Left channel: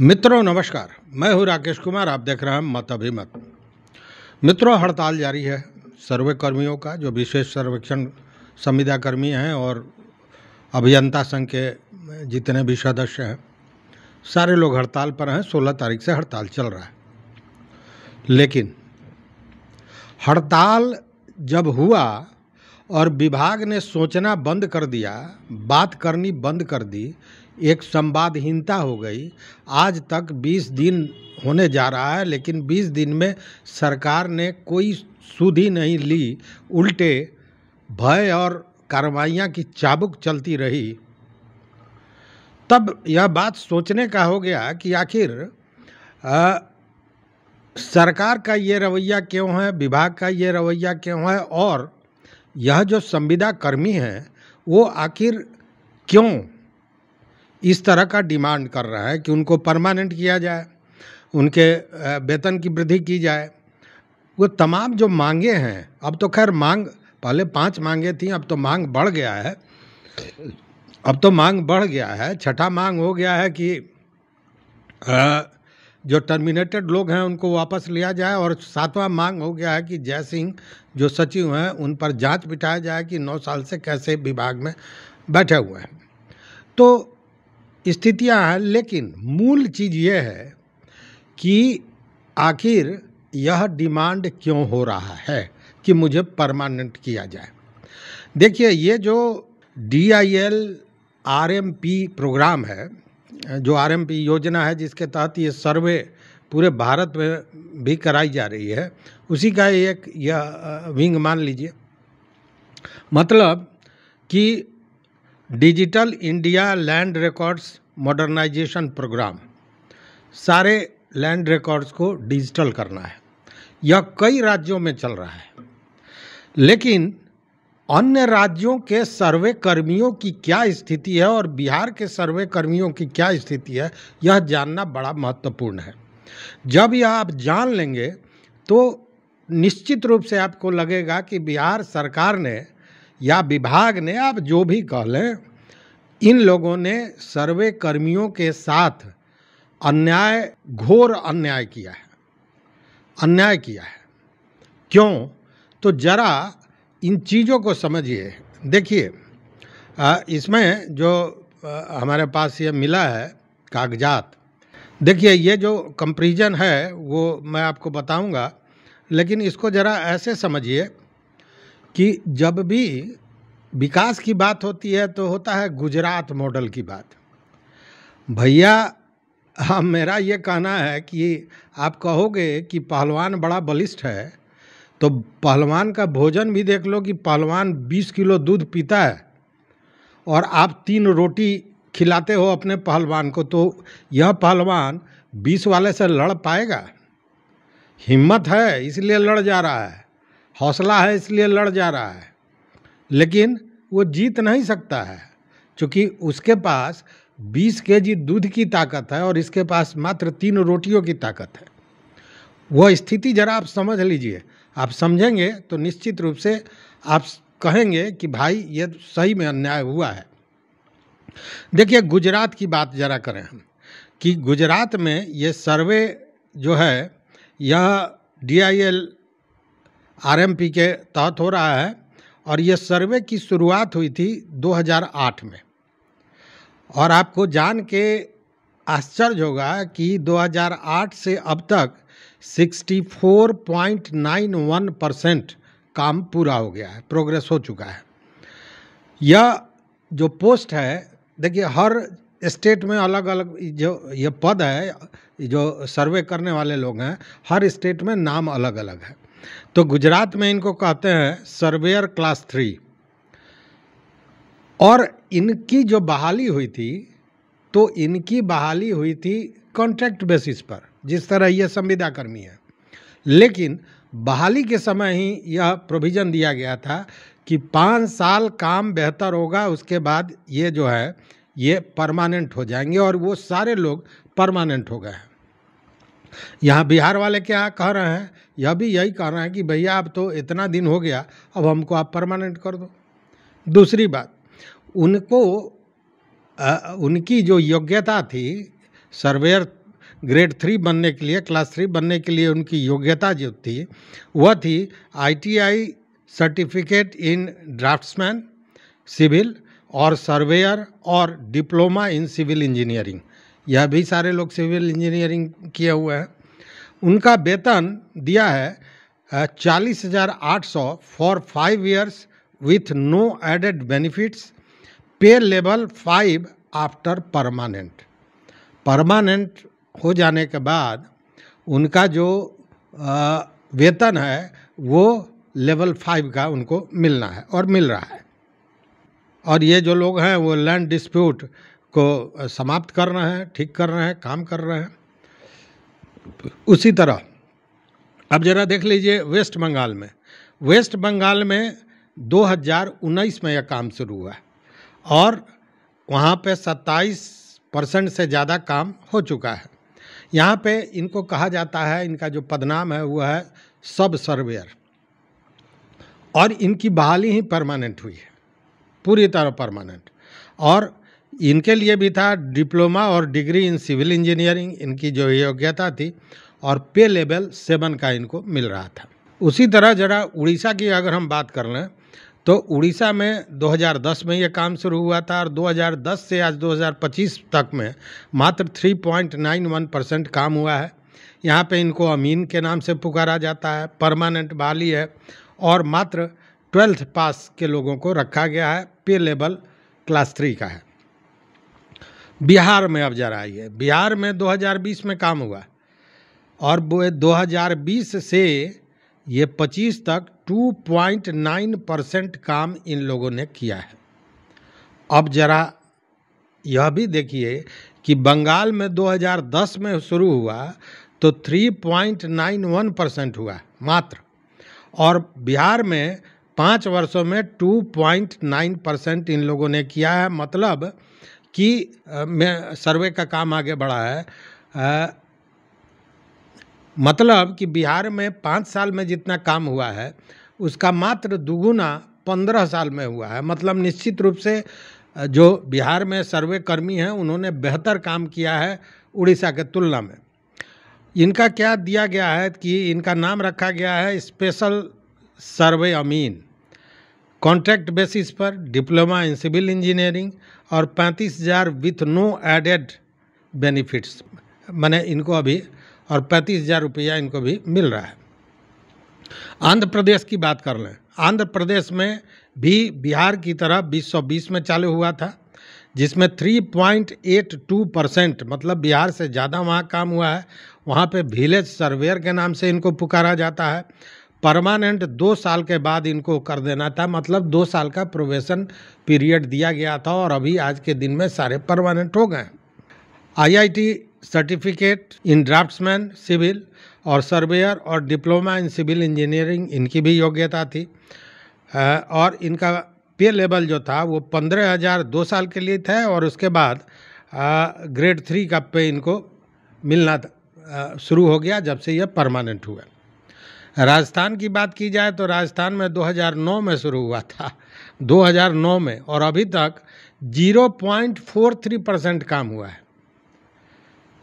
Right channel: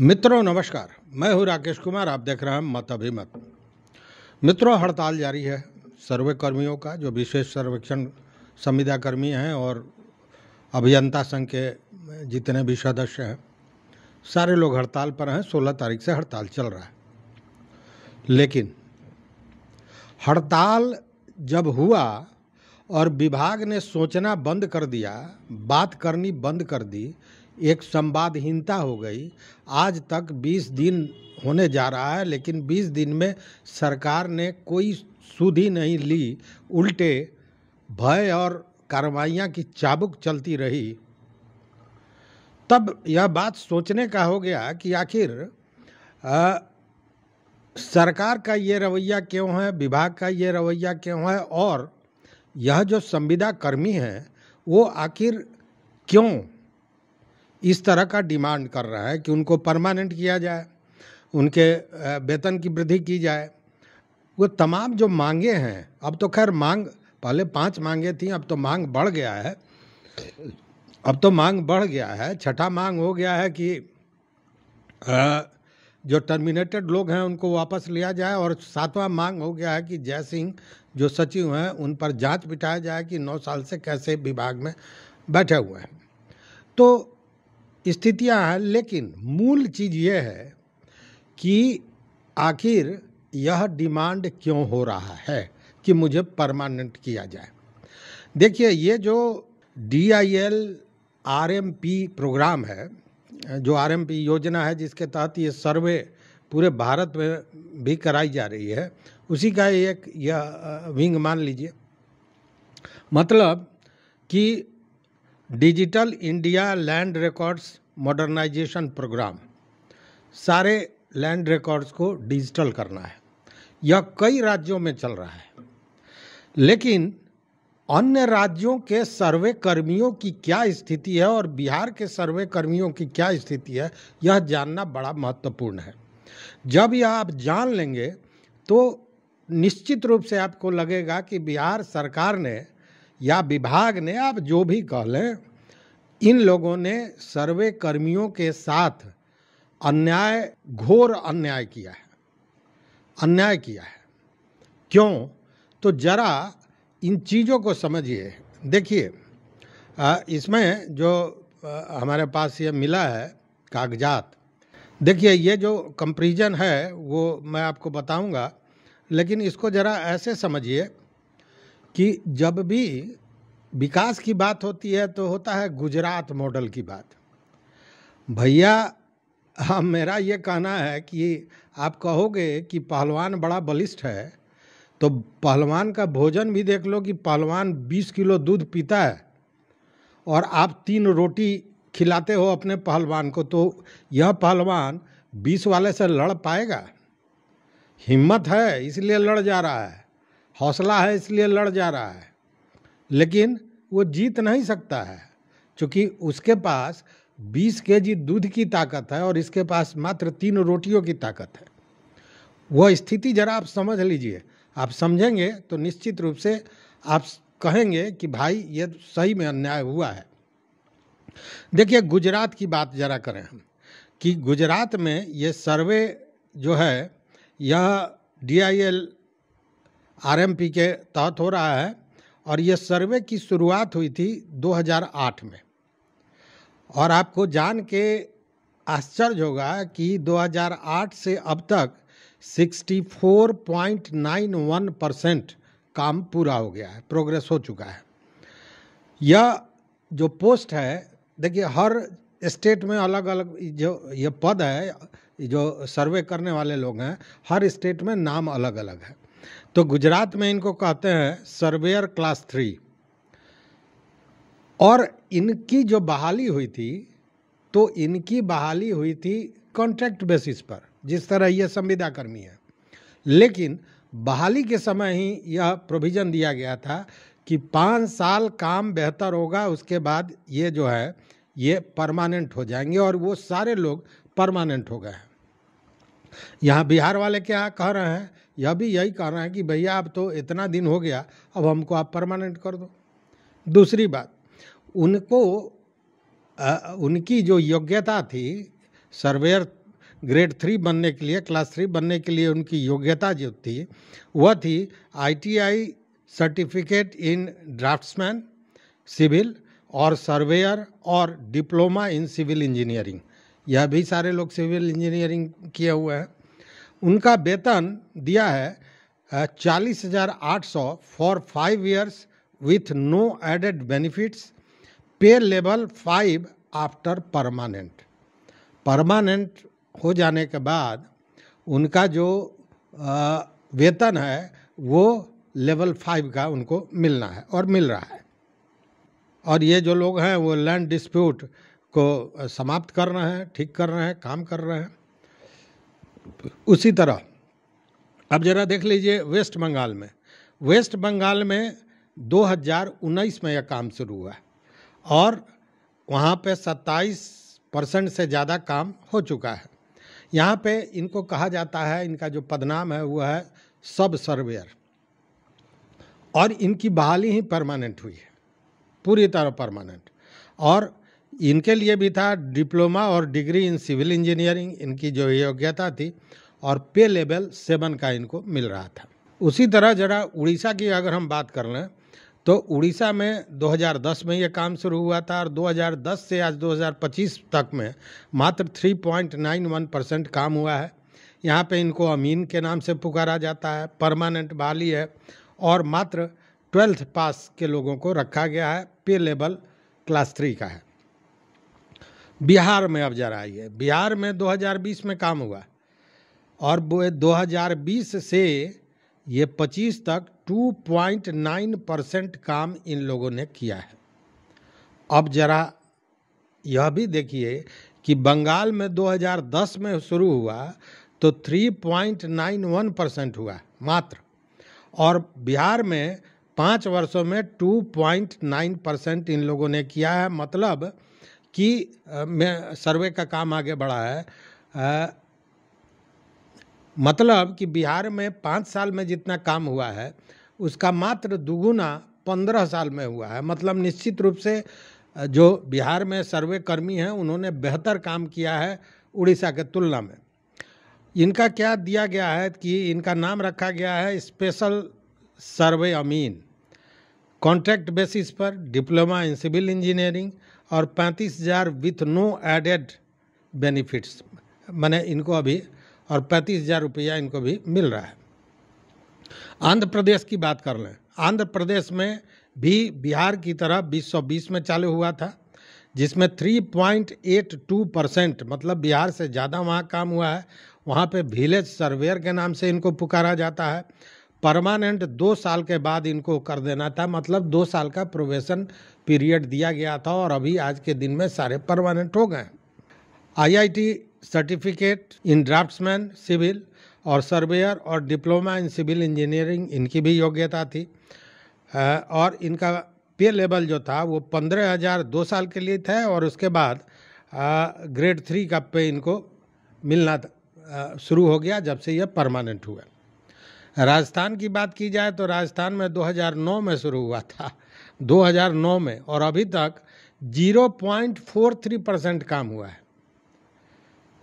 मित्रों नमस्कार, मैं हूं राकेश कुमार। आप देख रहे हैं मत अभिमत। मित्रों, हड़ताल जारी है सर्वे कर्मियों का, जो विशेष सर्वेक्षण संविदा कर्मी हैं और अभियंता संघ के जितने भी सदस्य हैं, सारे लोग हड़ताल पर हैं। 16 तारीख से हड़ताल चल रहा है। लेकिन हड़ताल जब हुआ और विभाग ने सोचना बंद कर दिया, बात करनी बंद कर दी, एक संवादहीनता हो गई। आज तक 20 दिन होने जा रहा है, लेकिन 20 दिन में सरकार ने कोई सुध ही नहीं ली। उल्टे भय और कार्रवाइयाँ की चाबुक चलती रही। तब यह बात सोचने का हो गया कि आखिर सरकार का ये रवैया क्यों है, विभाग का ये रवैया क्यों है, और यह जो संविदा कर्मी हैं वो आखिर क्यों इस तरह का डिमांड कर रहा है कि उनको परमानेंट किया जाए, उनके वेतन की वृद्धि की जाए। वो तमाम जो मांगे हैं, अब तो खैर मांग पहले 5 मांगे थी, अब तो मांग बढ़ गया है। छठा मांग हो गया है कि जो टर्मिनेटेड लोग हैं उनको वापस लिया जाए, और 7वां मांग हो गया है कि जय सिंह जो सचिव हैं उन पर जांच बिठाया जाए कि 9 साल से कैसे विभाग में बैठे हुए हैं। तो स्थितियां हैं, लेकिन मूल चीज़ ये है कि आखिर यह डिमांड क्यों हो रहा है कि मुझे परमानेंट किया जाए। देखिए, ये जो DIL RMP प्रोग्राम है, जो RMP योजना है जिसके तहत ये सर्वे पूरे भारत में भी कराई जा रही है, उसी का एक यह विंग मान लीजिए। मतलब कि digital India land records modernisation programme, सारे लैंड रिकॉर्ड्स को डिजिटल करना है। यह कई राज्यों में चल रहा है, लेकिन अन्य राज्यों के सर्वे कर्मियों की क्या स्थिति है और बिहार के सर्वे कर्मियों की क्या स्थिति है, यह जानना बड़ा महत्वपूर्ण है। जब यह आप जान लेंगे तो निश्चित रूप से आपको लगेगा कि बिहार सरकार ने या विभाग ने, आप जो भी कह लें, इन लोगों ने सर्वे कर्मियों के साथ अन्याय, घोर अन्याय किया है। क्यों? तो जरा इन चीज़ों को समझिए। देखिए, इसमें जो हमारे पास ये मिला है कागजात, देखिए ये जो कंपैरिजन है वो मैं आपको बताऊंगा, लेकिन इसको ज़रा ऐसे समझिए कि जब भी विकास की बात होती है तो होता है गुजरात मॉडल की बात। भैया, हाँ, मेरा ये कहना है कि आप कहोगे कि पहलवान बड़ा बलिष्ठ है, तो पहलवान का भोजन भी देख लो कि पहलवान 20 किलो दूध पीता है और आप 3 रोटी खिलाते हो अपने पहलवान को, तो यह पहलवान 20 वाले से लड़ पाएगा? हिम्मत है इसलिए लड़ जा रहा है, हौसला है इसलिए लड़ जा रहा है, लेकिन वो जीत नहीं सकता है, क्योंकि उसके पास 20 केजी दूध की ताकत है और इसके पास मात्र 3 रोटियों की ताकत है। वह स्थिति जरा आप समझ लीजिए। आप समझेंगे तो निश्चित रूप से आप कहेंगे कि भाई ये सही में अन्याय हुआ है। देखिए, गुजरात की बात जरा करें हम, कि गुजरात में ये सर्वे जो है यह DIL RMP के तहत हो रहा है, और ये सर्वे की शुरुआत हुई थी 2008 में। और आपको जान के आश्चर्य होगा कि 2008 से अब तक 64.91% काम पूरा हो गया है, प्रोग्रेस हो चुका है। यह जो पोस्ट है, देखिए हर स्टेट में अलग अलग जो ये पद है, जो सर्वे करने वाले लोग हैं, हर स्टेट में नाम अलग अलग है। तो गुजरात में इनको कहते हैं सर्वेयर क्लास 3, और इनकी जो बहाली हुई थी, तो इनकी बहाली हुई थी कॉन्ट्रैक्ट बेसिस पर, जिस तरह ये संविदा कर्मी है। लेकिन बहाली के समय ही यह प्रोविज़न दिया गया था कि 5 साल काम बेहतर होगा, उसके बाद ये जो है ये परमानेंट हो जाएंगे, और वो सारे लोग परमानेंट हो गए हैं। यहाँ बिहार वाले क्या कह रहे हैं, यह भी यही कह रहे हैं कि भैया अब तो इतना दिन हो गया, अब हमको आप परमानेंट कर दो। दूसरी बात, उनको उनकी जो योग्यता थी सर्वेयर ग्रेड 3 बनने के लिए, क्लास 3 बनने के लिए उनकी योग्यता जो थी वह थी ITI certificate in draftsman civil और सर्वेयर और डिप्लोमा इन सिविल इंजीनियरिंग। यह भी सारे लोग सिविल इंजीनियरिंग किए हुए हैं। उनका वेतन दिया है 40,800 for 5 years with no added benefits, pay level 5 after permanent हो जाने के बाद उनका जो वेतन है वो लेवल 5 का उनको मिलना है और मिल रहा है। और ये जो लोग हैं वो लैंड डिस्प्यूट को समाप्त कर रहे हैं, ठीक कर रहे हैं, काम कर रहे हैं। उसी तरह अब जरा देख लीजिए वेस्ट बंगाल में 2019 में यह काम शुरू हुआ है और वहाँ पे 27% से ज़्यादा काम हो चुका है। यहाँ पे इनको कहा जाता है, इनका जो पदनाम है वो है सब सर्वेयर, और इनकी बहाली ही परमानेंट हुई है, पूरी तरह परमानेंट। और इनके लिए भी था डिप्लोमा और डिग्री इन सिविल इंजीनियरिंग, इनकी जो योग्यता थी, और पे लेवल 7 का इनको मिल रहा था। उसी तरह जरा उड़ीसा की अगर हम बात कर लें तो उड़ीसा में 2010 में ये काम शुरू हुआ था और 2010 से आज 2025 तक में मात्र 3.91% काम हुआ है। यहाँ पे इनको अमीन के नाम से पुकारा जाता है, परमानेंट बहाली है और मात्र 12th पास के लोगों को रखा गया है, पे लेवल क्लास 3 का है। बिहार में अब जरा आइए, बिहार में 2020 में काम हुआ और 2020 से ये 25 तक 2.9% काम इन लोगों ने किया है। अब जरा यह भी देखिए कि बंगाल में 2010 में शुरू हुआ तो 3.91% हुआ मात्र, और बिहार में 5 वर्षों में 2.9% इन लोगों ने किया है। मतलब कि सर्वे का काम आगे बढ़ा है, मतलब कि बिहार में 5 साल में जितना काम हुआ है उसका मात्र दुगुना 15 साल में हुआ है। मतलब निश्चित रूप से जो बिहार में सर्वे कर्मी हैं उन्होंने बेहतर काम किया है उड़ीसा के तुलना में। इनका क्या दिया गया है कि इनका नाम रखा गया है स्पेशल सर्वे अमीन, कॉन्ट्रैक्ट बेसिस पर, डिप्लोमा इन सिविल इंजीनियरिंग, और 35,000 विथ नो एडेड बेनिफिट्स, माने इनको अभी, और 35,000 रुपया इनको भी मिल रहा है। आंध्र प्रदेश की बात कर लें, आंध्र प्रदेश में भी बिहार की तरह 2020 में चालू हुआ था, जिसमें 3.82%, मतलब बिहार से ज़्यादा वहाँ काम हुआ है। वहाँ पे विलेज सर्वेयर के नाम से इनको पुकारा जाता है। परमानेंट 2 साल के बाद इनको कर देना था, मतलब 2 साल का प्रोबेशन पीरियड दिया गया था, और अभी आज के दिन में सारे परमानेंट हो गए। IIT certificate in draftsman civil और सर्वेयर और डिप्लोमा इन सिविल इंजीनियरिंग इनकी भी योग्यता थी, और इनका पे लेवल जो था वो 15,000 2 साल के लिए था, और उसके बाद ग्रेड 3 का पे इनको मिलना शुरू हो गया जब से यह परमानेंट हुआ। राजस्थान की बात की जाए तो राजस्थान में 2009 में शुरू हुआ था, 2009 में, और अभी तक 0.43% काम हुआ है।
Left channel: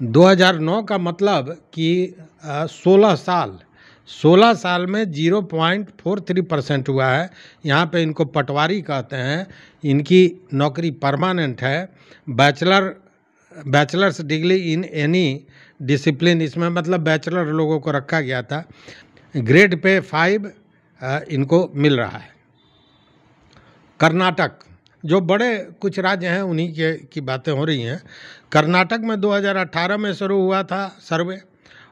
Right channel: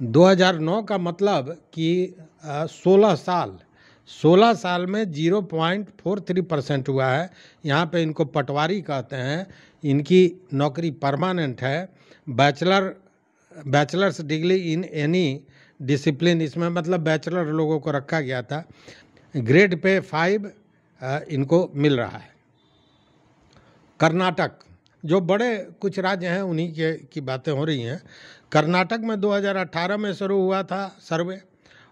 2009 का मतलब कि 16 साल में 0.43% हुआ है। यहाँ पे इनको पटवारी कहते हैं, इनकी नौकरी परमानेंट है। Bachelors degree in any discipline, इसमें मतलब बैचलर लोगों को रखा गया था। ग्रेड पे 5 इनको मिल रहा है। कर्नाटक, जो बड़े कुछ राज्य हैं उन्हीं की बातें हो रही हैं। कर्नाटक में 2018 में शुरू हुआ था सर्वे,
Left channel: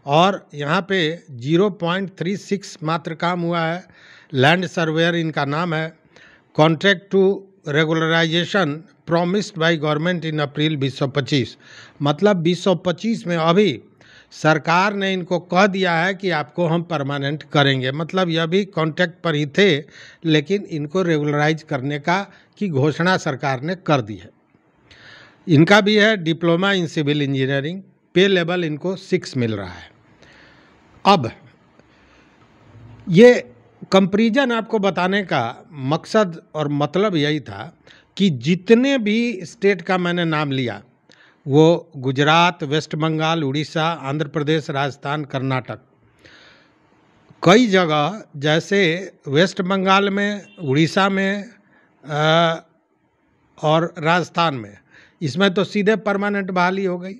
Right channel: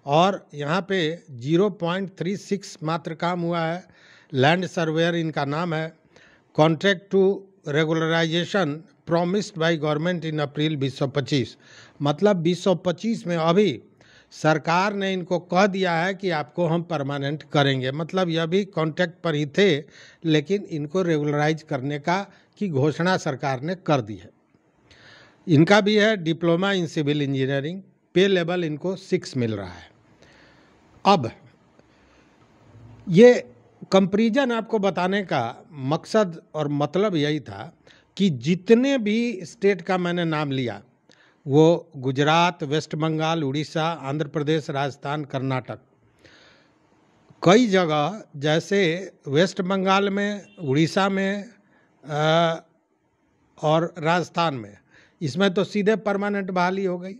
और यहाँ पे 0.36 मात्र काम हुआ है। लैंड सर्वेयर इनका नाम है। Contract to regularization promised by government in April 2025, मतलब 2025 में अभी सरकार ने इनको कह दिया है कि आपको हम परमानेंट करेंगे। मतलब यह भी कॉन्ट्रैक्ट पर ही थे, लेकिन इनको रेगुलराइज करने की घोषणा सरकार ने कर दी है। इनका भी है डिप्लोमा इन सिविल इंजीनियरिंग, पे लेवल इनको 6 मिल रहा है। अब ये कंपैरिजन आपको बताने का मकसद और मतलब यही था कि जितने भी स्टेट का मैंने नाम लिया वो गुजरात, वेस्ट बंगाल, उड़ीसा, आंध्र प्रदेश, राजस्थान, कर्नाटक, कई जगह जैसे वेस्ट बंगाल में, उड़ीसा में और राजस्थान में, इसमें तो सीधे परमानेंट बहाली हो गई।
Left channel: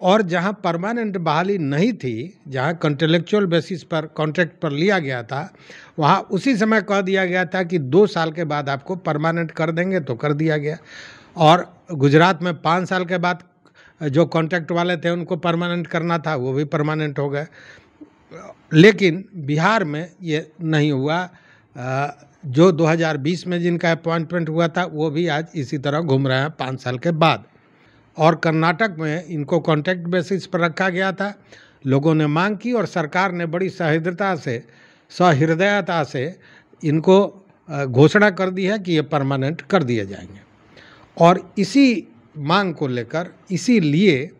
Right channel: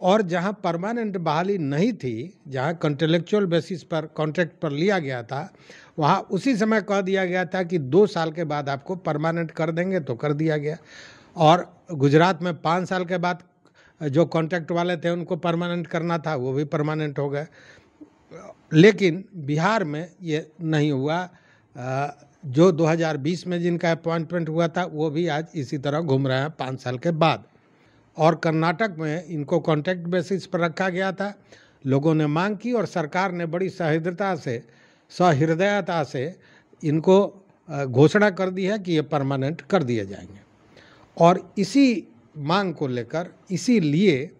और जहां परमानेंट बहाली नहीं थी, जहां कॉन्ट्रेक्चुअल बेसिस पर कॉन्ट्रैक्ट पर लिया गया था, वहां उसी समय कह दिया गया था कि 2 साल के बाद आपको परमानेंट कर देंगे, तो कर दिया गया। और गुजरात में 5 साल के बाद जो कॉन्ट्रैक्ट वाले थे उनको परमानेंट करना था, वो भी परमानेंट हो गए। लेकिन बिहार में ये नहीं हुआ। जो 2020 में जिनका अपॉइंटमेंट हुआ था वो भी आज इसी तरह घूम रहे हैं 5 साल के बाद। और कर्नाटक में इनको कॉन्ट्रैक्ट बेसिस पर रखा गया था। लोगों ने मांग की और सरकार ने बड़ी सहृदयता से इनको घोषणा कर दी है कि ये परमानेंट कर दिए जाएंगे। और इसी मांग को लेकर, इसीलिए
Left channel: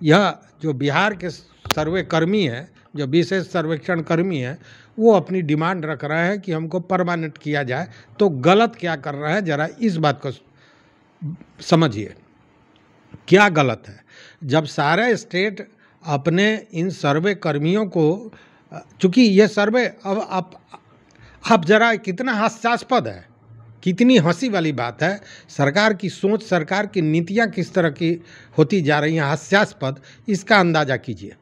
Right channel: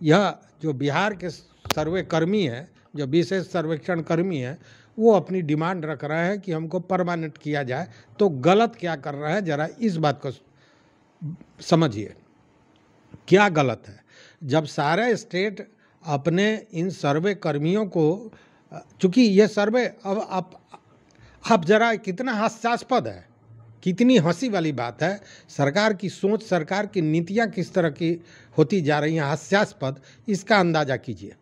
यह जो बिहार के सर्वे कर्मी हैं, जो विशेष सर्वेक्षण कर्मी हैं, वो अपनी डिमांड रख रहे हैं कि हमको परमानेंट किया जाए। तो गलत क्या कर रहा है, जरा इस बात को समझिए, क्या गलत है। जब सारे स्टेट अपने इन सर्वे कर्मियों को, चूंकि ये सर्वे अब आप जरा कितना हास्यास्पद है, कितनी हंसी वाली बात है। सरकार की सोच, सरकार की नीतियां किस तरह की होती जा रही हैं, हास्यास्पद, इसका अंदाजा कीजिए।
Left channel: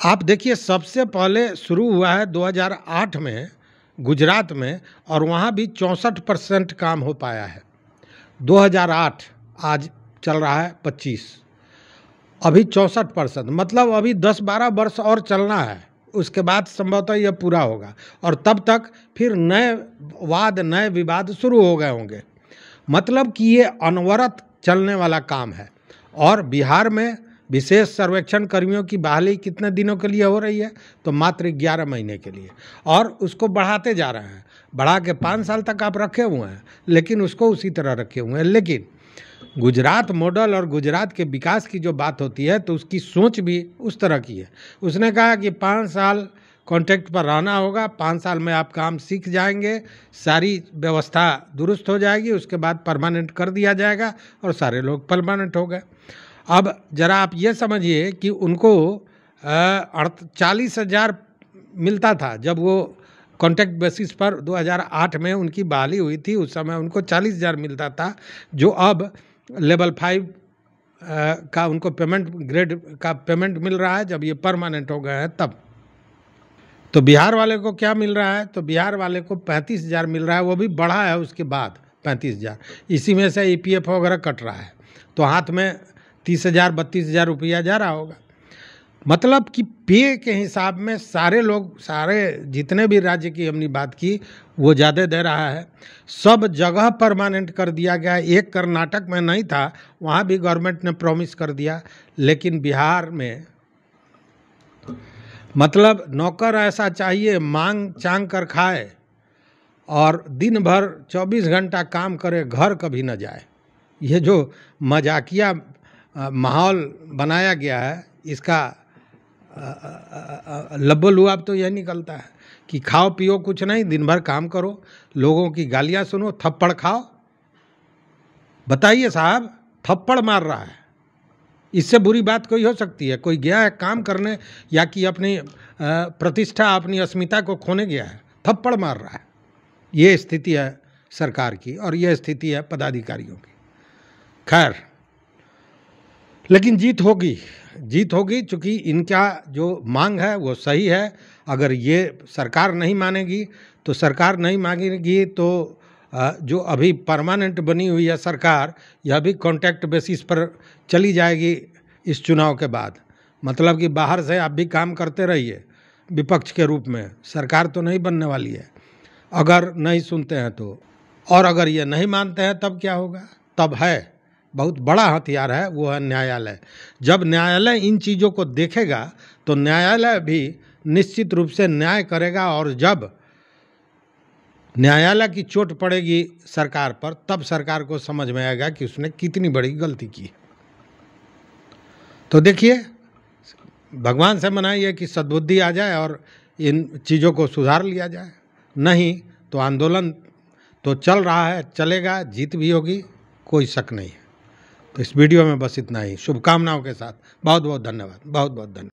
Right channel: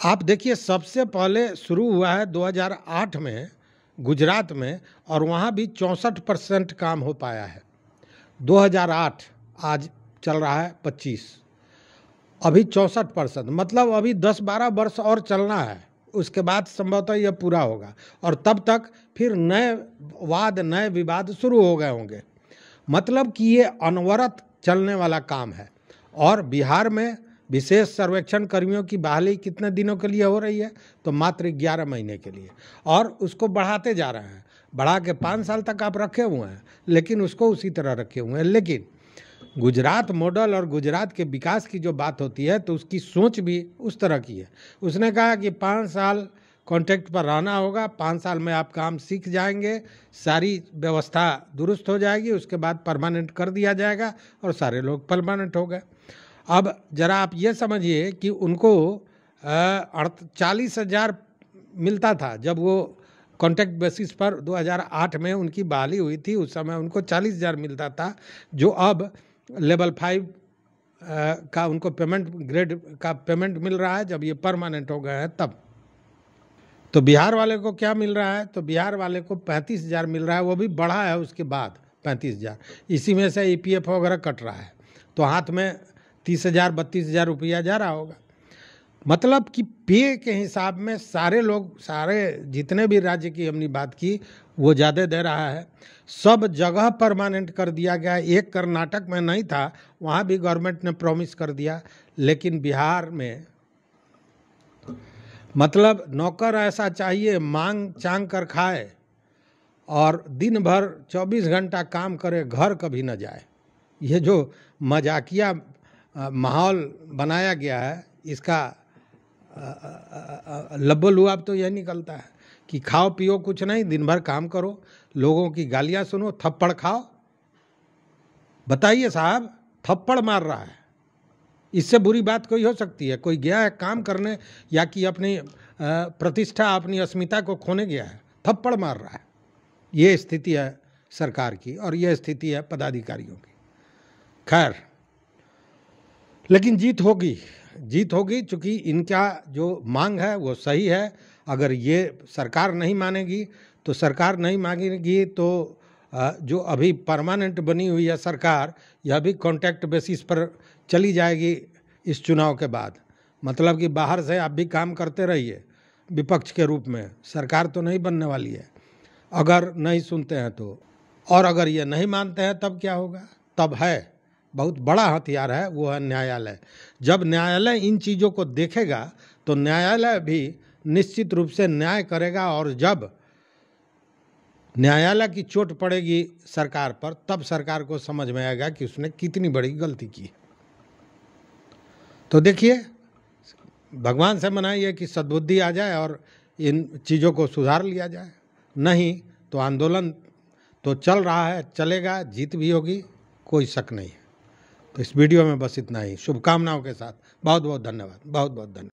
आप देखिए, सबसे पहले शुरू हुआ है 2008 में गुजरात में, और वहाँ भी 64% काम हो पाया है। 2008, आज चल रहा है 25, अभी 64%, मतलब अभी 10-12 वर्ष और चलना है, उसके बाद संभवतः यह पूरा होगा। और तब तक फिर नए वाद, नए विवाद शुरू हो गए होंगे। मतलब कि ये अनवरत चलने वाला काम है। और बिहार में विशेष सर्वेक्षण कर्मियों की बहाली कितने दिनों के लिए हो रही है, तो मात्र 11 महीने के लिए, और उसको बढ़ाते जा रहे हैं। बढ़ा के 5 साल तक आप रखे हुए हैं, लेकिन उसको उसी तरह रखे हुए हैं। लेकिन गुजरात मॉडल और गुजरात के विकास की जो बात होती है, तो उसकी सोच भी उस तरह की है। उसने कहा कि 5 साल कॉन्ट्रैक्ट पर रहना होगा, 5 साल में आप काम सीख जाएंगे, सारी व्यवस्था दुरुस्त हो जाएगी, उसके बाद परमानेंट कर दिया जाएगा, और सारे लोग परमानेंट हो गए। अब जरा आप ये समझिए कि उनको 40,000 मिलता था जब वो कॉन्ट्रैक्ट बेसिस पर 2008 में उनकी बहाली हुई थी। उस समय उनको 40,000 मिलता था, जो अब लेवल 5 का उनको पेमेंट, ग्रेड का पेमेंट मिल रहा है जब ये परमानेंट हो गए हैं तब। तो बिहार वाले को क्या मिल रहा है, तो बिहार वाले को 35,000 मिल रहा है, वो भी बढ़ा है उसके बाद 35,000। इसी में से EPF वगैरह कट रहा है, तो हाथ में 30,000 32,000 रुपया जा रहा होगा। मतलब कि पे के हिसाब में सारे लोग, सारे जितने भी राज्य की हमने बात की, वो ज़्यादा दे रहा है। सब जगह परमानेंट कर दिया गया। एक कर्नाटक में नहीं था, वहाँ भी गवर्नमेंट ने प्रॉमिस कर दिया, लेकिन बिहार में मतलब नौकर ऐसा चाहिए, मांग चांग कर खाए और दिन भर 24 घंटा काम करे, घर कभी न जाए। ये जो मजाकिया माहौल बनाया गया है, इसका लब्बो-लुआब तो यह निकलता है कि खाओ पियो कुछ नहीं, दिन भर काम करो, लोगों की गालियां सुनो, थप्पड़ खाओ। बताइए साहब, थप्पड़ मार रहा है, इससे बुरी बात कोई हो सकती है? कोई गया है काम करने, या कि अपनी प्रतिष्ठा, अपनी अस्मिता को खोने गया है, थप्पड़ मार रहा है। ये स्थिति है सरकार की, और ये स्थिति है पदाधिकारियों की। खैर, लेकिन जीत होगी, जीत होगी, चूँकि इनका जो मांग है वो सही है। अगर ये सरकार नहीं मानेगी तो सरकार नहीं मांगेगी, तो जो अभी परमानेंट बनी हुई है सरकार, यह भी कॉन्ट्रैक्ट बेसिस पर चली जाएगी इस चुनाव के बाद। मतलब कि बाहर से आप भी काम करते रहिए विपक्ष के रूप में, सरकार तो नहीं बनने वाली है अगर नहीं सुनते हैं तो। और अगर ये नहीं मानते हैं तब क्या होगा? तब है बहुत बड़ा हथियार है, वो है न्यायालय। जब न्यायालय इन चीज़ों को देखेगा तो न्यायालय भी निश्चित रूप से न्याय करेगा, और जब न्यायालय की चोट पड़ेगी सरकार पर, तब सरकार को समझ में आएगा कि उसने कितनी बड़ी गलती की। तो देखिए, भगवान से मनाइए कि सद्बुद्धि आ जाए और इन चीज़ों को सुधार लिया जाए। नहीं तो आंदोलन तो चल रहा है, चलेगा, जीत भी होगी, कोई शक नहीं है। तो इस वीडियो में बस इतना ही। शुभकामनाओं के साथ बहुत बहुत धन्यवाद, बहुत बहुत धन्यवाद।